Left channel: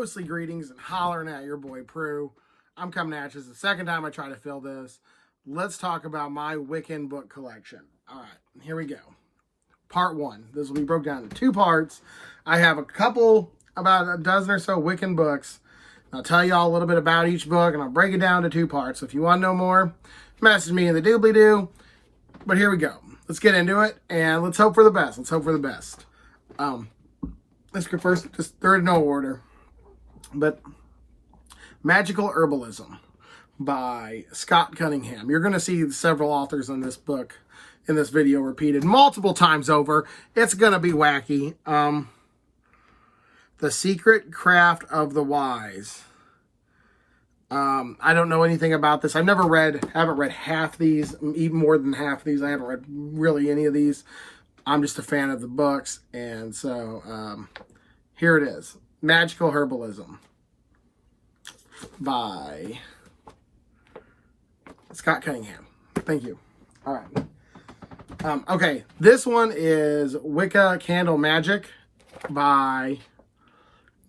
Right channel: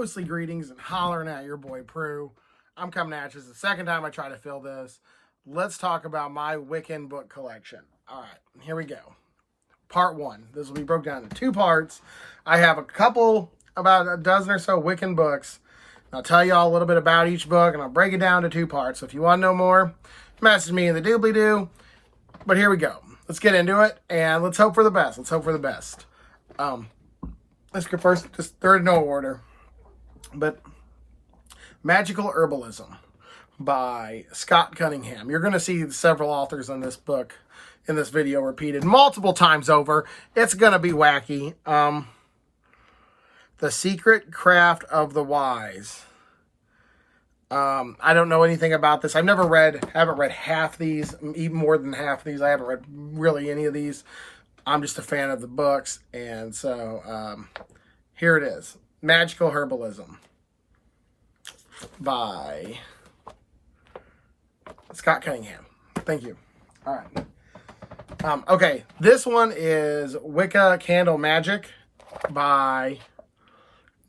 ghostly greetings and hollering at your boy Prue. I'm coming at you. It's the second time I try to fill this. Let's talk about my Wiccan book collection. All right, here we go. Part one. This will be broke down into two parts. I have about a dozen or so Wiccan books. I'll tell you all a little bit about each book, and I'll break it down to two parts. So if you want to know more, message me in the doobly-doo. But here we go. Let's get into it, and let's hope for the best. Let's go first, just third in no order. But Magical Herbalism by Scott Cunningham. You're going to see several authors in this book, in this video, repeated multiple times over. It's going to be wacky. The Secret Craft of the Wise. I don't know anything about this. Haven't read half these, even more than half of these. I haven't read really any of these. I'm just a fan of the books. And so, here it is. Magical Herbalism by Scott Cunningham. Thank you. All right. Okay. This one is Wicca Candle Magic by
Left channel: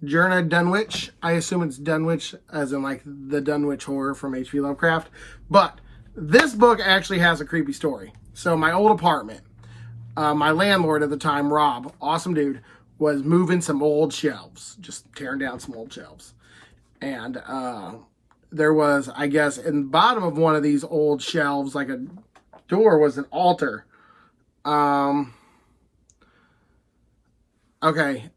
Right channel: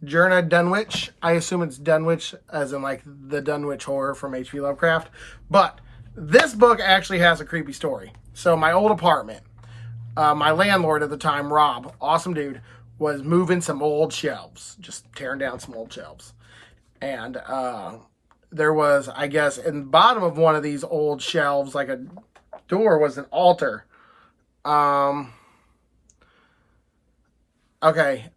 Jerna Dunwich. I assume it's Dunwich as in like the Dunwich Horror from H.P. Lovecraft. But this book actually has a creepy story. So my old apartment, my landlord at the time, Rob, awesome dude, was moving some old shelves, just tearing down some old shelves. And there was, I guess, in the bottom of one of these old shelves, like a door, was an altar. Okay.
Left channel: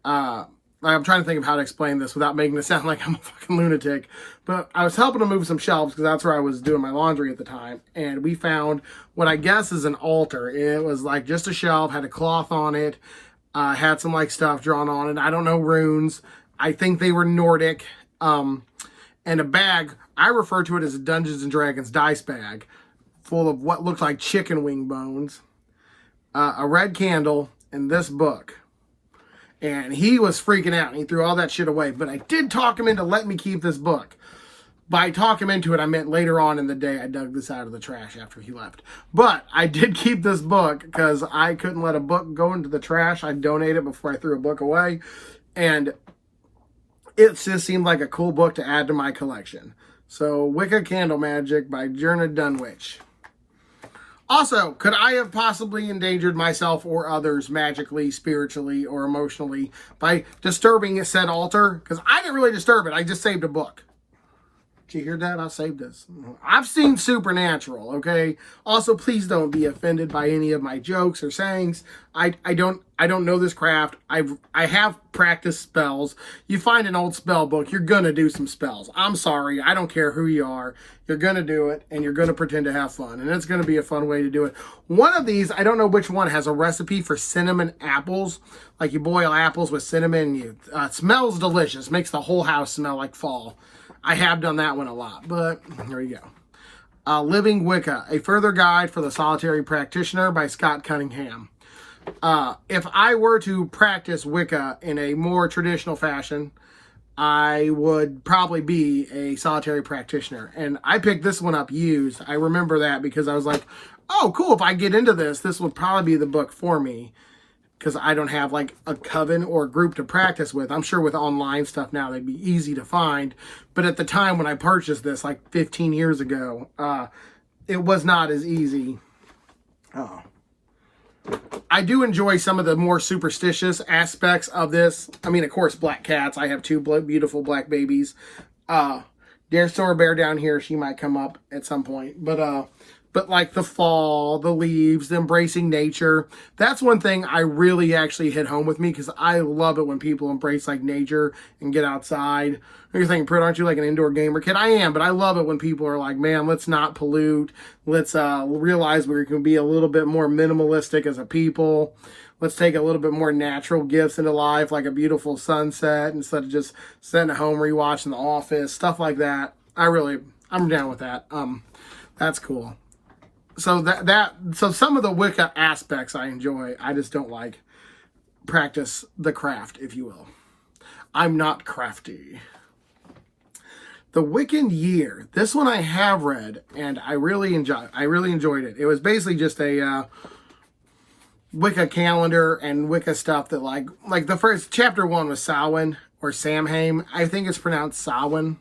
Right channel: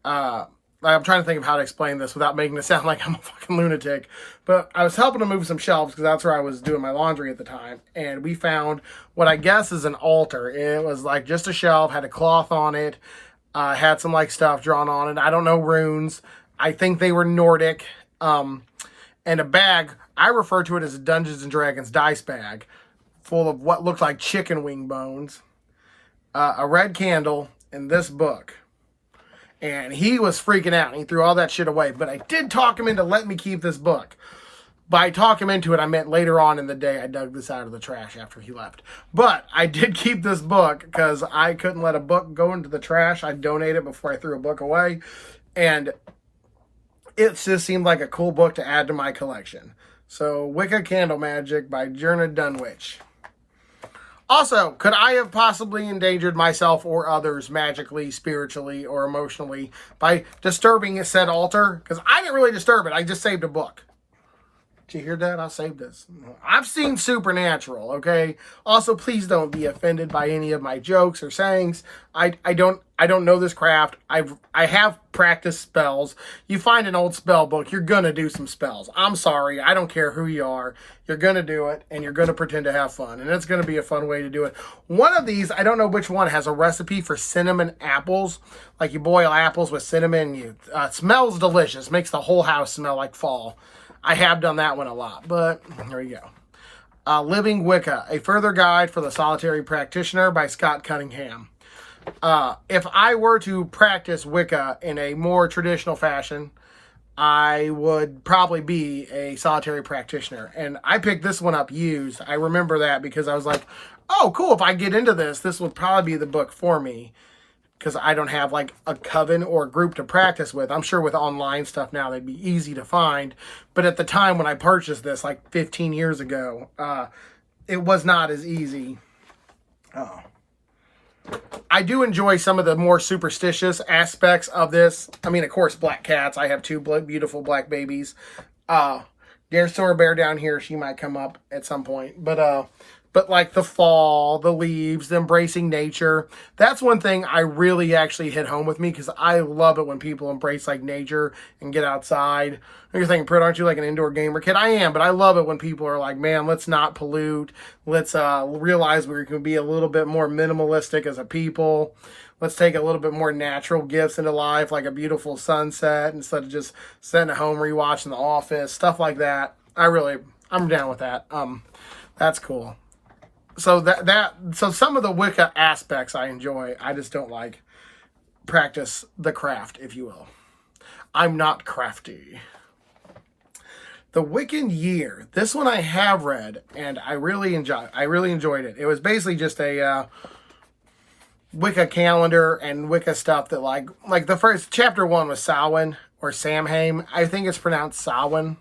I'm trying to think of how to explain this without making it sound like I'm a fucking lunatic. But I was helping to move some shelves because that's where I was doing my laundry at the time. And we found what I guess is an altar. It was like just a shelf, had a cloth on it, had some like stuff drawn on it. I don't know runes. I think they were Nordic. And a bag, I refer to it as a Dungeons and Dragons dice bag full of what looked like chicken wing bones, a red candle, and this book. And he was freaking out. He threw all that shit away. But I did talk him into letting me keep this book. By talk him into it, I meant later on in the day I dug this out of the trash after he left. But I did keep this book because I couldn't let a book go into the trash. I'd donate it before I threw a book away. And it just seemed like a cool book to add to my collection. So, Wicca Candle Magic by Jerna Dunwich. Also, could I have possibly endangered myself or others magically, spiritually, or emotionally by disturbing said altar? Because I didn't really disturb it. I just saved a book. Did you hear that? I saved this. I've seen Supernatural, okay? Also, please don't be offended by any of my jokes or sayings. I don't know this craft. I have practiced spells. You find an old spell book, you're gonna do some spells. I'm sorry. I don't care who you are. You're gonna do it, and you're gonna pretend to have fun, and it's gonna be a fun way to do it. One of these, I don't know which one, has a recipe for cinnamon apples. Like you boil apples with cinnamon. It smells delicious. Makes the whole house smell like fall. I have done that one a lot, but here you go. Living Wicca, a further guide for the solitary practitioner by Scott Cunningham. If I were to practice Wicca in a more traditional fashion, I would probably be a solitary practitioner. And I picked this one up used. I remember that because I was like, oh, cool. If I get into this, this would probably be the book for me. Because I don't have like a coven or a group to practice with. I'm sure with online stuff now, they'd be easy to find. But at the time when I purchased this, like 15 years ago, it was not as easy. I do enjoy some of the more superstitious aspects of this. I mean, of course, black cats. I have two beautiful black babies. There's Summer Bear down here. She might come up at some point. But like the fall, the leaves, the embracing nature. That's one thing I really actually hit home with me because I love it when people embrace like nature and get outside. You're thinking, Britt, aren't you like an indoor gamer kid? I am, but I love it when people are like, man, let's not pollute. Let's realize we can be a little bit more minimalistic as a people. Let's take a little bit more natural gifts into life, like a beautiful sunset instead of just sitting at home rewatching The Office, stuff like that. I'm down with that. That's cool. So so some of the Wicca aspects I enjoy. I just don't like practice the craft, if you will. I'm not crafty. The Wiccan Year. This one I have read, and I really enjoyed it. It was basically just a Wicca calendar and Wicca stuff that like the first chapter 1 was Samhain, or Samhain. I think it's pronounced Samhain.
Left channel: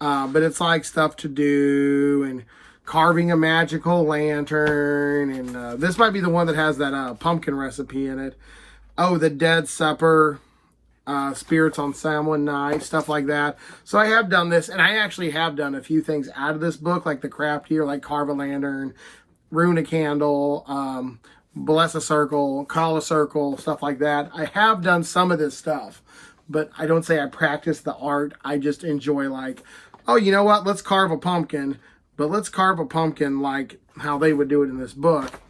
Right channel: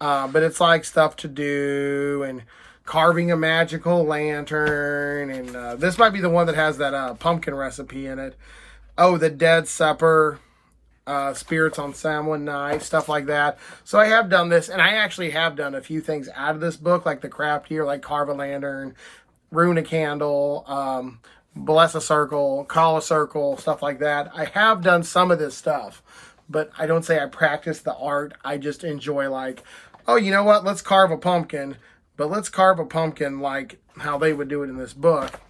But it's like stuff to do and carving a magical lantern. And this might be the one that has that pumpkin recipe in it. Oh, the Dead Supper, spirits on Samhain night, stuff like that. So I have done this, and I actually have done a few things out of this book, like the craft here, like carve a lantern, rune a candle, bless a circle, call a circle, stuff like that. I have done some of this stuff, but I don't say I practice the art. I just enjoy, like, oh, you know what? Let's carve a pumpkin, but let's carve a pumpkin like how they would do it in this book.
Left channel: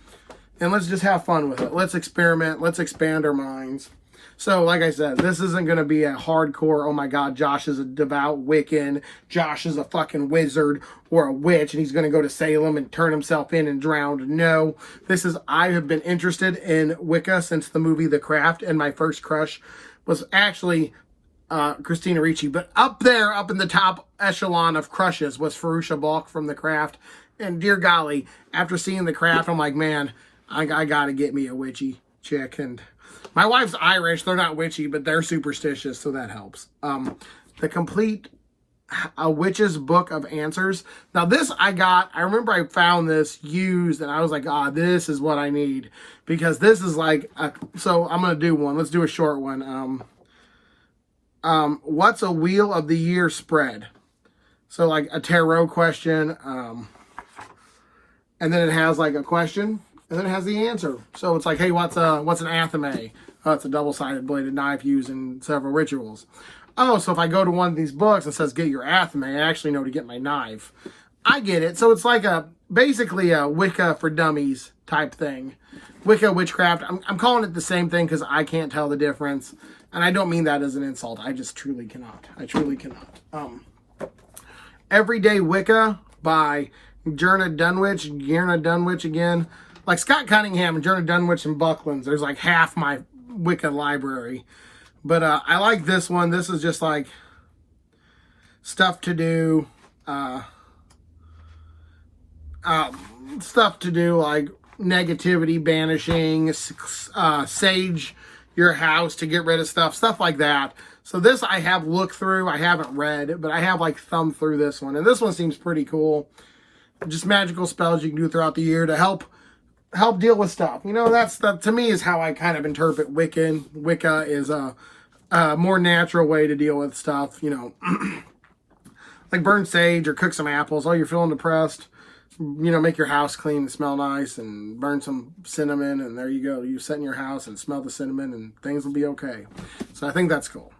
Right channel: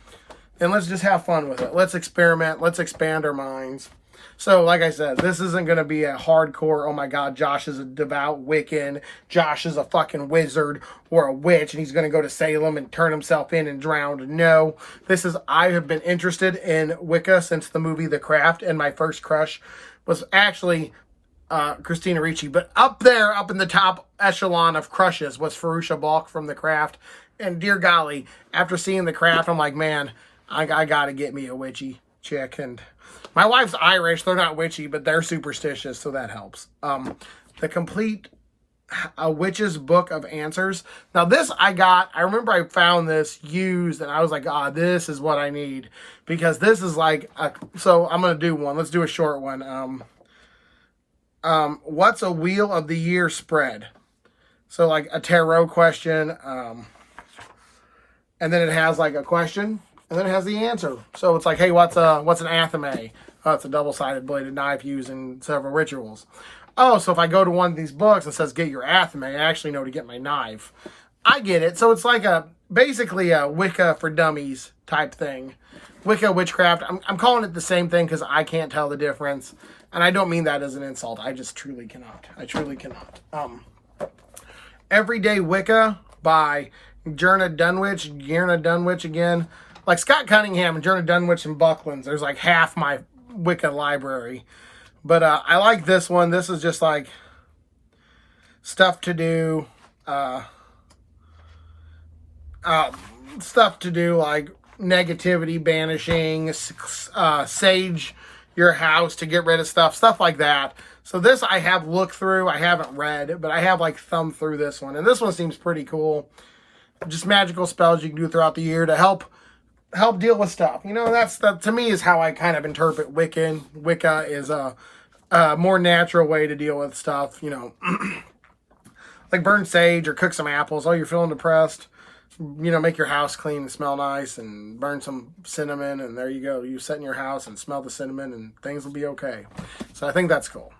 And let's just have fun with it. Let's experiment. Let's expand our minds. So, like I said, this isn't going to be a hardcore, oh my God, Josh is a devout Wiccan, Josh is a fucking wizard or a witch, and he's going to go to Salem and turn himself in and drown. No, I have been interested in Wicca since the movie The Craft, and my first crush was actually Christina Ricci. But up there, up in the top echelon of crushes was Farusha Balk from The Craft. And dear golly, after seeing The Craft, I'm like, man, I got to get me a witchy chick. And my wife's Irish. They're not witchy, but they're superstitious, so that helps. The complete A Witch's Book of Answers. Now, this I remember I found this used, and I was like, this is what I need. Because this is like, so I'm going to do one. Let's do a short one. What's a Wheel of the Year spread? So, like, a tarot question. And then it has, like, a question. And then it has the answer. So it's like, hey, what's an athame? Oh, it's a double-sided bladed knife used in several rituals. Oh, so if I go to one of these books that says get your athame, I actually know to get my knife. I get it. So it's like basically a Wicca for dummies type thing. Wicca, witchcraft. I'm calling it the same thing because I can't tell the difference. And I don't mean that as an insult. I just truly cannot. I truly cannot. Everyday Wicca by Gerna Dunwich again. Like Scott Cunningham and Gerna Dunwich and Bucklands, there's like half my Wicca library. But I like this one. This is just like stuff to do. Stuff to do like negativity banishing, sage your house to get rid of stuff like that. So this I have looked through. I haven't read, but I have like thumbed through this one. And this one seems pretty cool. Just magical spells you can do throughout the year to help deal with stuff. You know, that's to me is how I kind of interpret Wiccan. Wicca is a more natural way to deal with stuff, you know. Like burn sage or cook some apples. Oh, you're feeling depressed. You know, make your house clean and smell nice and burn some cinnamon and there you go. You sit in your house and smell the cinnamon and things will be okay. So I think that's cool.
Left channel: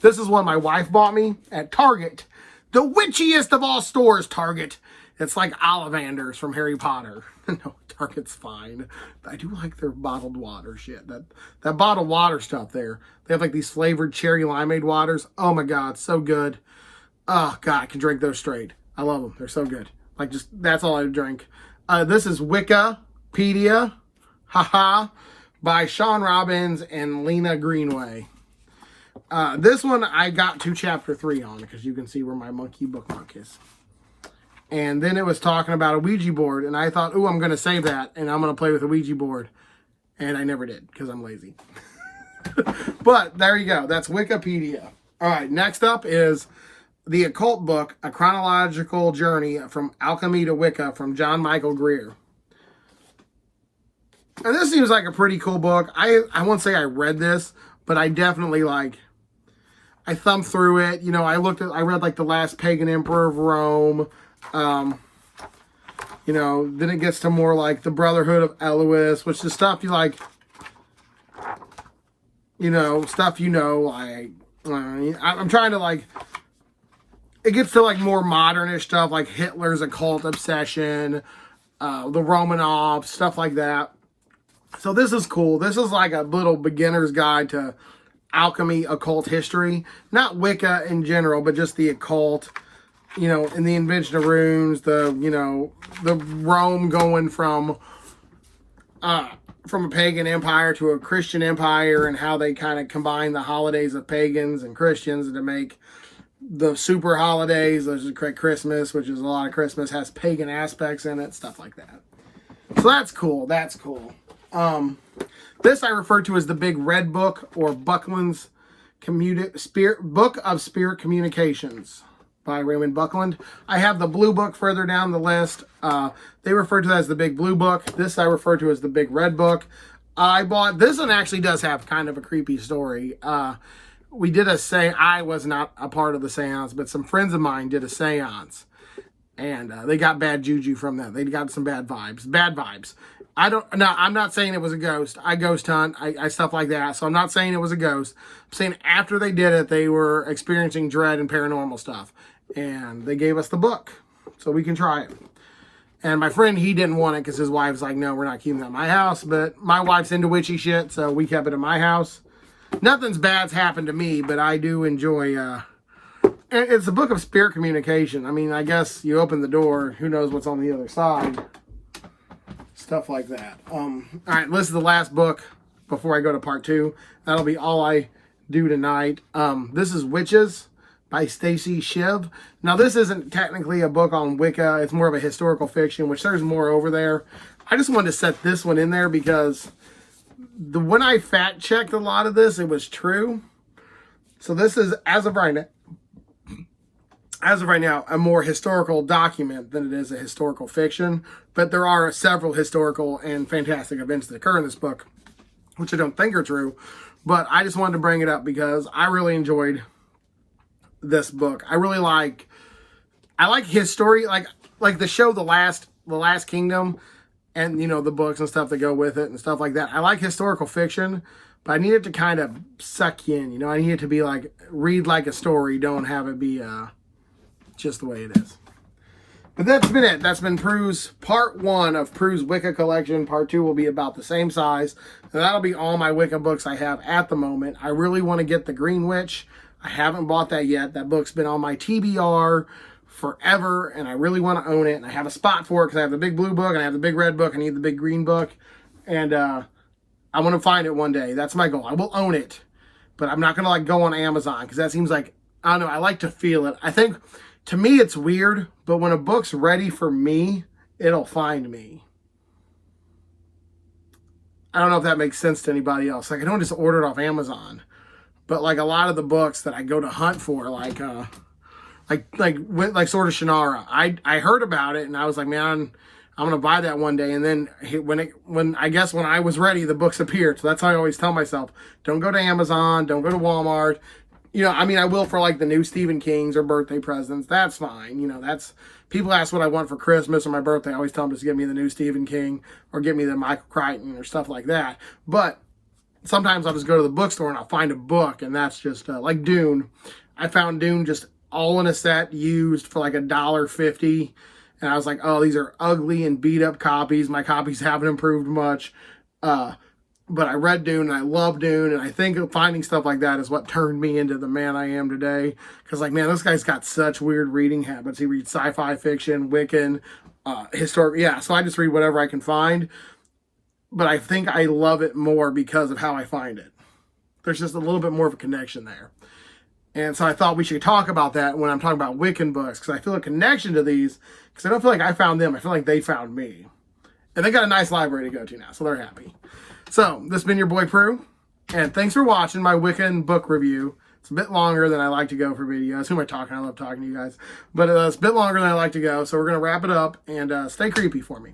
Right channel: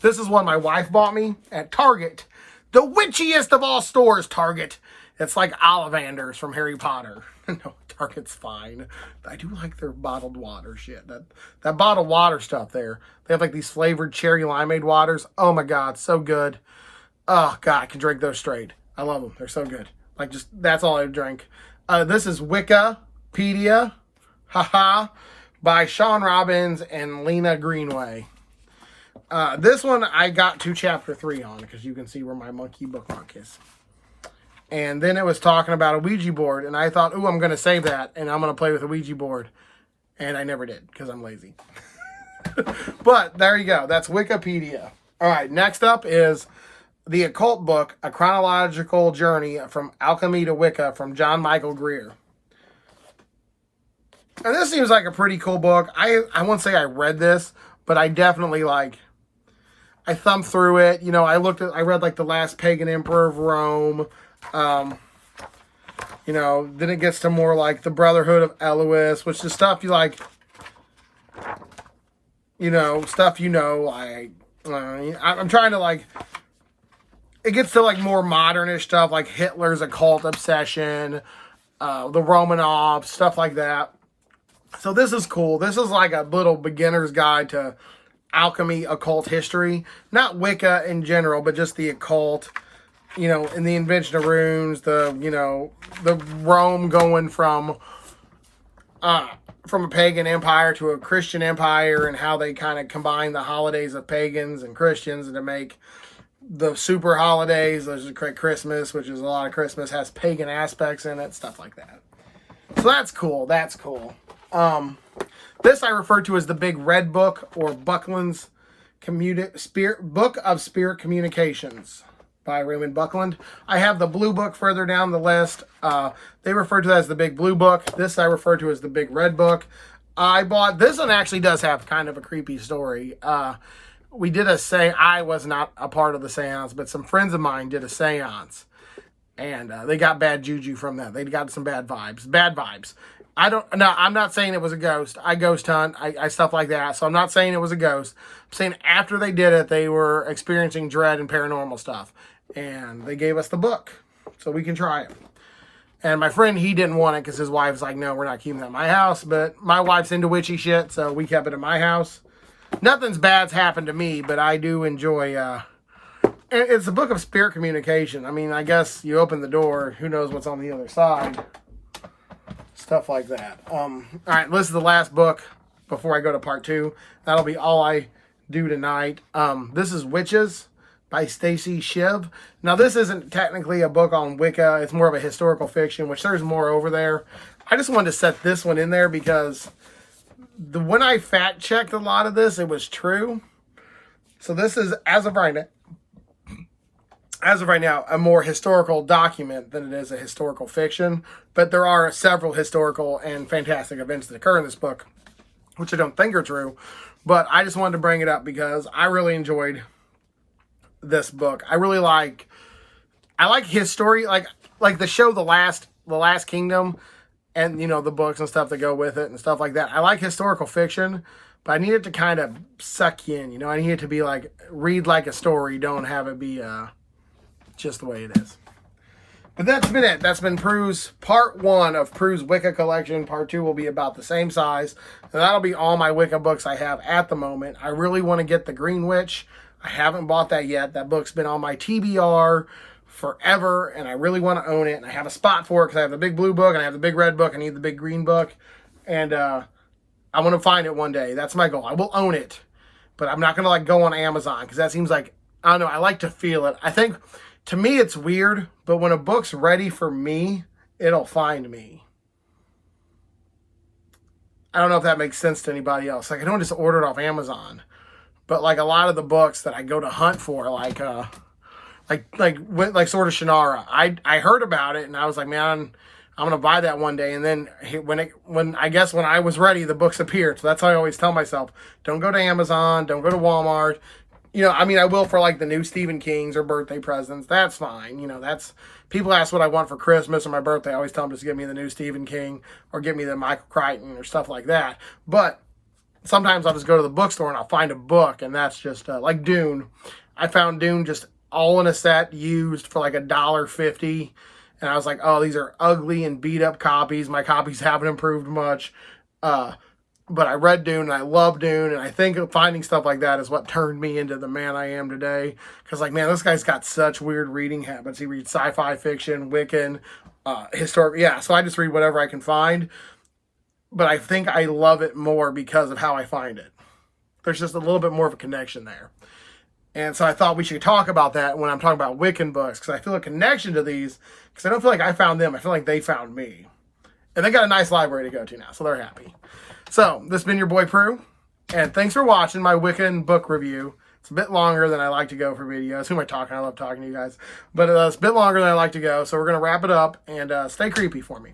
This is one my wife bought me at Target. The witchiest of all stores, Target. It's like Ollivanders from Harry Potter. No, Target's fine. I do like their bottled water shit. That bottled water stuff there. They have like these flavored cherry limeade waters. Oh my God, so good. Oh God, I can drink those straight. I love them. They're so good. Like just, that's all I drink. This is Wikipedia, haha, by Sean Robbins and Lena Greenway. This one I got to chapter 3 on because you can see where my monkey bookmark is. And then it was talking about a Ouija board. And I thought, ooh, I'm going to save that. And I'm going to play with a Ouija board. And I never did because I'm lazy. But there you go. That's Wikipedia. All right. Next up is The Occult Book, A Chronological Journey from Alchemy to Wicca from John Michael Greer. And this seems like a pretty cool book. I won't say I read this, but I definitely I thumbed through it. You know, I read like The Last Pagan Emperor of Rome. You know, then it gets to more like the Brotherhood of Elois, which is stuff you like, you know, stuff you know, like, I'm trying to like, it gets to like more modernish stuff like Hitler's occult obsession, the Romanovs, stuff like that. So this is cool. This is like a little beginner's guide to alchemy, occult history. Not Wicca in general, but just the occult. You know, in the invention of runes, the Rome going from a pagan empire to a Christian empire and how they kind of combine the holidays of pagans and Christians to make the super holidays. There's Christmas, which is a lot of Christmas, has pagan aspects in it, stuff like that. So that's cool. This I refer to as the Big Red Book or Buckland's Book of Spirit Communications by Raymond Buckland. I have the blue book further down the list. They refer to that as the big blue book. This I refer to as the big red book. I bought, this one actually does have kind of a creepy story. We did a seance. I was not a part of the seance, but some friends of mine did a seance. And they got bad juju from that. They got some bad vibes. Bad vibes. I'm not saying it was a ghost. I ghost hunt. I stuff like that. So I'm not saying it was a ghost. I'm saying after they did it, they were experiencing dread and paranormal stuff. And they gave us the book. So we can try it. And my friend, he didn't want it because his wife's like, no, we're not keeping that at my house. But my wife's into witchy shit, so we kept it at my house. Nothing's bad's happened to me, but I do enjoy... And it's a book of spirit communication. I mean, I guess you open the door, who knows what's on the other side. Stuff like that. All right, this is the last book before I go to part 2. That'll be all I do tonight. This is Witches by Stacy Shiv. Now, this isn't technically a book on Wicca. It's more of a historical fiction, which there's more over there. I just wanted to set this one in there because when I fact-checked a lot of this, it was true. So this is, as of right now, a more historical document than it is a historical fiction. But there are several historical and fantastic events that occur in this book, which I don't think are true. But I just wanted to bring it up because I really enjoyed this book. I like his story, like the show The Last Kingdom, and you know, the books and stuff that go with it and stuff like that. I like historical fiction, but I need it to kind of suck you in. You know, I need it to be like, read like a story, don't have it be just the way it is. But that's been it. That's been Prue's part 1 of Prue's Wicca collection. Part 2 will be about the same size. And that'll be all my Wicca books I have at the moment. I really want to get the Green Witch. I haven't bought that yet. That book's been on my TBR forever, and I really want to own it. And I have a spot for it because I have the big blue book and I have the big red book. I need the big green book. And I want to find it one day. That's my goal. I will own it. But I'm not going to like go on Amazon because that seems like, I don't know, I like to feel it. I think... To me, it's weird, but when a book's ready for me, it'll find me. I don't know if that makes sense to anybody else. Like, I don't just order it off Amazon. But, like, a lot of the books that I go to hunt for, like Sword of Shannara, I heard about it, and I was like, man, I'm going to buy that one day. And then when I was ready, the books appeared. So that's how I always tell myself, don't go to Amazon, don't go to Walmart. You know, I mean, I will for like the new Stephen Kings or birthday presents. That's fine. You know, that's, people ask what I want for Christmas or my birthday. I always tell them just give me the new Stephen King or give me the Michael Crichton or stuff like that. But sometimes I'll just go to the bookstore and I'll find a book, and that's just like Dune. I found Dune just all in a set used for like $1.50. And I was like, oh, these are ugly and beat up copies. My copies haven't improved much. But I read Dune, and I love Dune, and I think finding stuff like that is what turned me into the man I am today. Because, like, man, this guy's got such weird reading habits. He reads sci-fi fiction, Wiccan, historic. Yeah, so I just read whatever I can find. But I think I love it more because of how I find it. There's just a little bit more of a connection there. And so I thought we should talk about that when I'm talking about Wiccan books, because I feel a connection to these, because I don't feel like I found them. I feel like they found me. And they got a nice library to go to now, so they're happy. So, this has been your boy Prue, and thanks for watching my Wiccan book review. It's a bit longer than I like to go for videos. Who am I talking? I love talking to you guys. But it's a bit longer than I like to go, so we're going to wrap it up, and stay creepy for me.